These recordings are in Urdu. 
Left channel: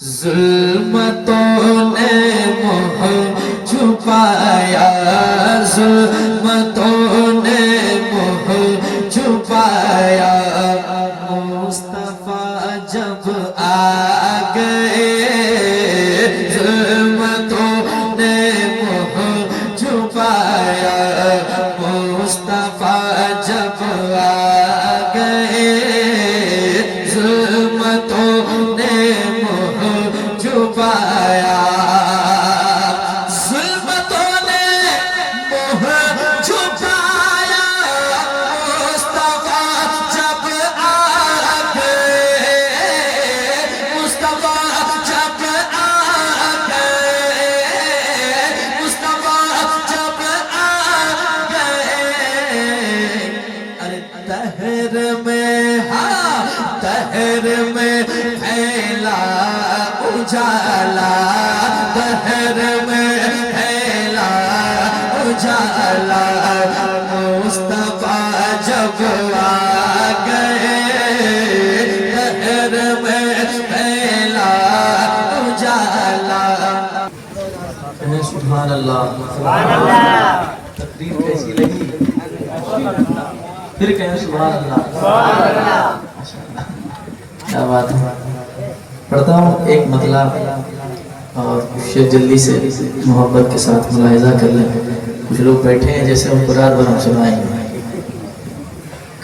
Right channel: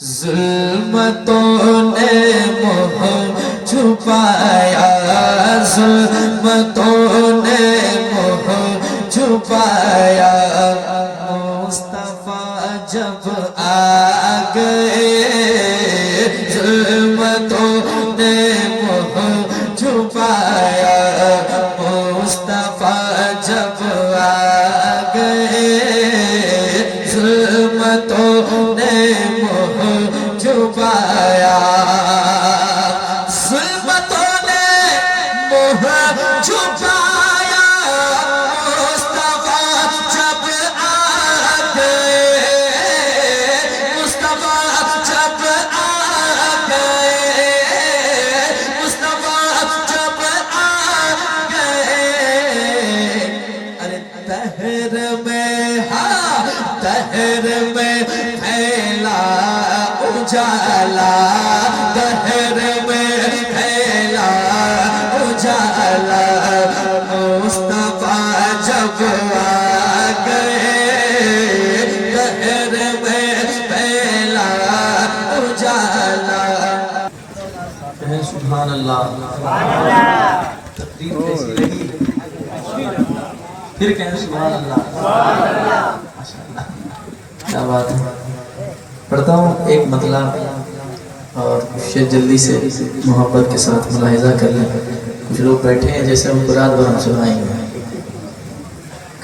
ظلمتوں نے منہ چھپایا، ظلمتوں نے منہ چھپایا، مصطفیٰ جب آ گئے، ظلمتوں نے منہ چھپایا، مصطفیٰ جب آ گئے، ظلمتوں نے منہ چھپایا، ظلمتوں نے منہ چھپایا، مصطفیٰ جب آ گئے، مصطفیٰ جب آ گئے، مصطفیٰ جب آ گئے، ارے دہر میں، ہاں دہر میں پھیلا اجالا، دہر میں پھیلا اجالا، مصطفیٰ جب آ گئے، دہر میں پھیلا اجالا۔ سبحان اللہ، تقریر کیسی لگی؟ پھر کہیں سبحان اللہ، کیا بات ہے۔ پڑھتا ہوں ایک مطلع اور شعر جلدی سے محبت کے ساتھ ملاحظہ کر لیں۔ کچھ لوگ بیٹھے ہیں جیسے ہم قرآن پر ہم سنائیں گے،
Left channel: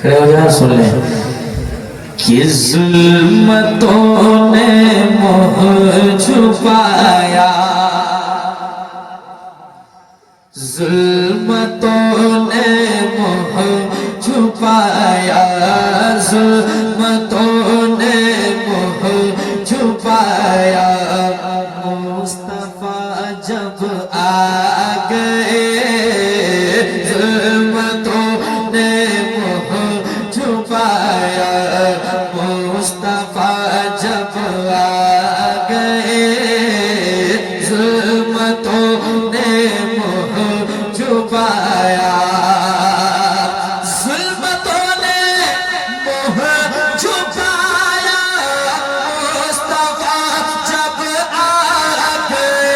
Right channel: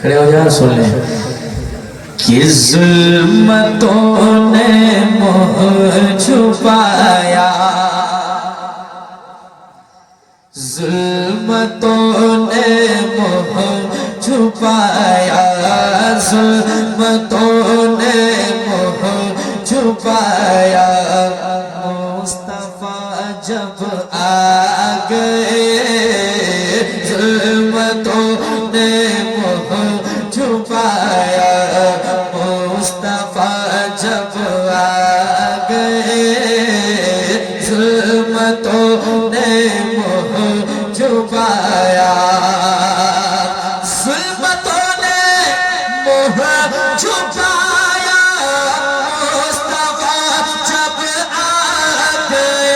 کھڑے ہو جائیں سن لیں۔ کہ ظلمتوں نے منہ چھپایا، ظلمتوں نے منہ چھپایا، ظلمتوں نے منہ چھپایا، مصطفیٰ جب آ گئے، ظلمتوں نے منہ چھپایا، مصطفیٰ جب آ گئے، ظلمتوں نے منہ چھپایا، ظلمتوں نے منہ چھپایا، مصطفیٰ جب آ گئے،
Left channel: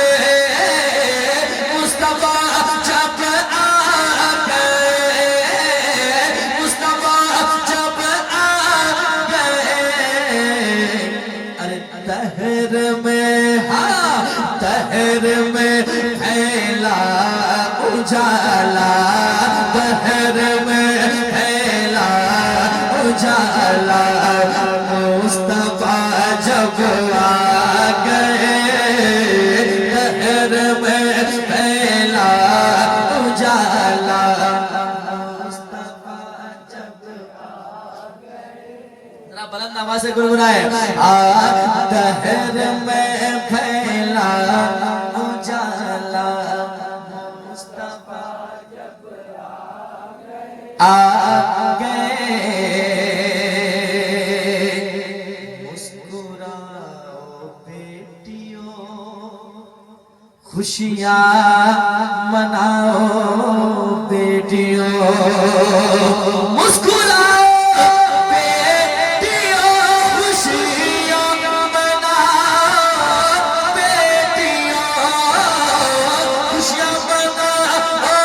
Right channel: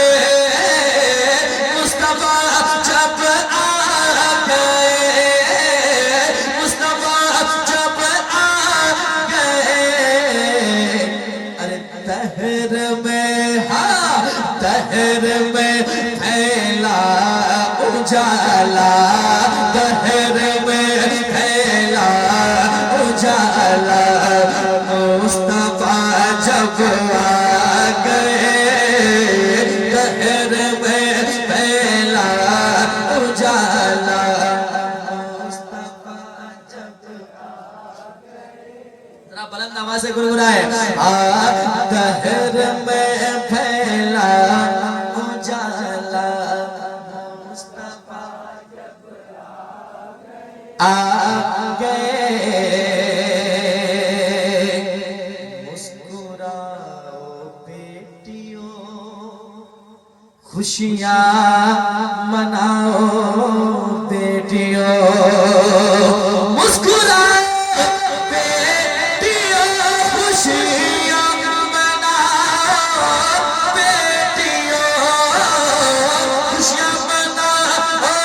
مصطفیٰ جب آ گئے، مصطفیٰ جب آ گئے، ارے دہر میں، ہاں دہر میں پھیلا اجالا، دہر میں پھیلا اجالا، مصطفیٰ جب آ گئے، دہر میں پھیلا اجالا، مصطفیٰ جب آ گئے۔ ذرا بلند آواز سے گنگنائے، دہر میں پھیلا اجالا، مصطفیٰ جب آ گئے، مسکراؤ بیٹیوں، خوشیاں مناؤ بیٹیوں، مسکراؤ بیٹیوں، خوشیاں مناؤ بیٹیوں، خوشیاں مناؤ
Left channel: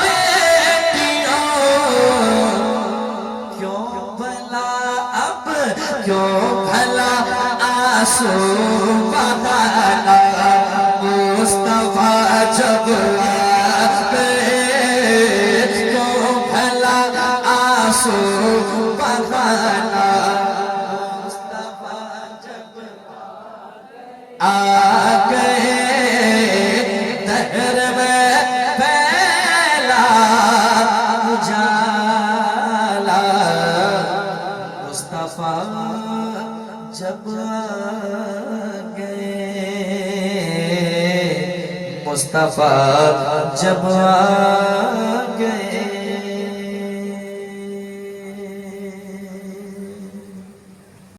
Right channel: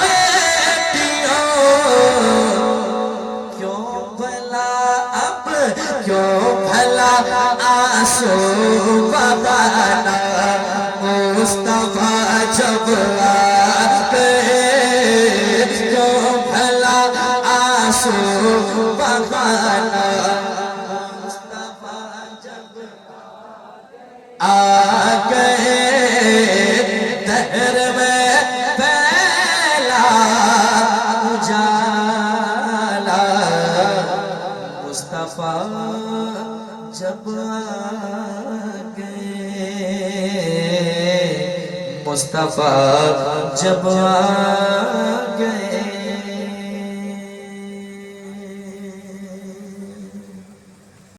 بیٹیوں، کیوں بھلا اب کیوں بھلا آنسو بہانا، مصطفیٰ جب آ گئے، کیوں بھلا آنسو بہانا، مصطفیٰ جب آ گئے، دہر میں پھیلا اجالا، مصطفیٰ جب آ گئے، مصطفیٰ جب آ گئے۔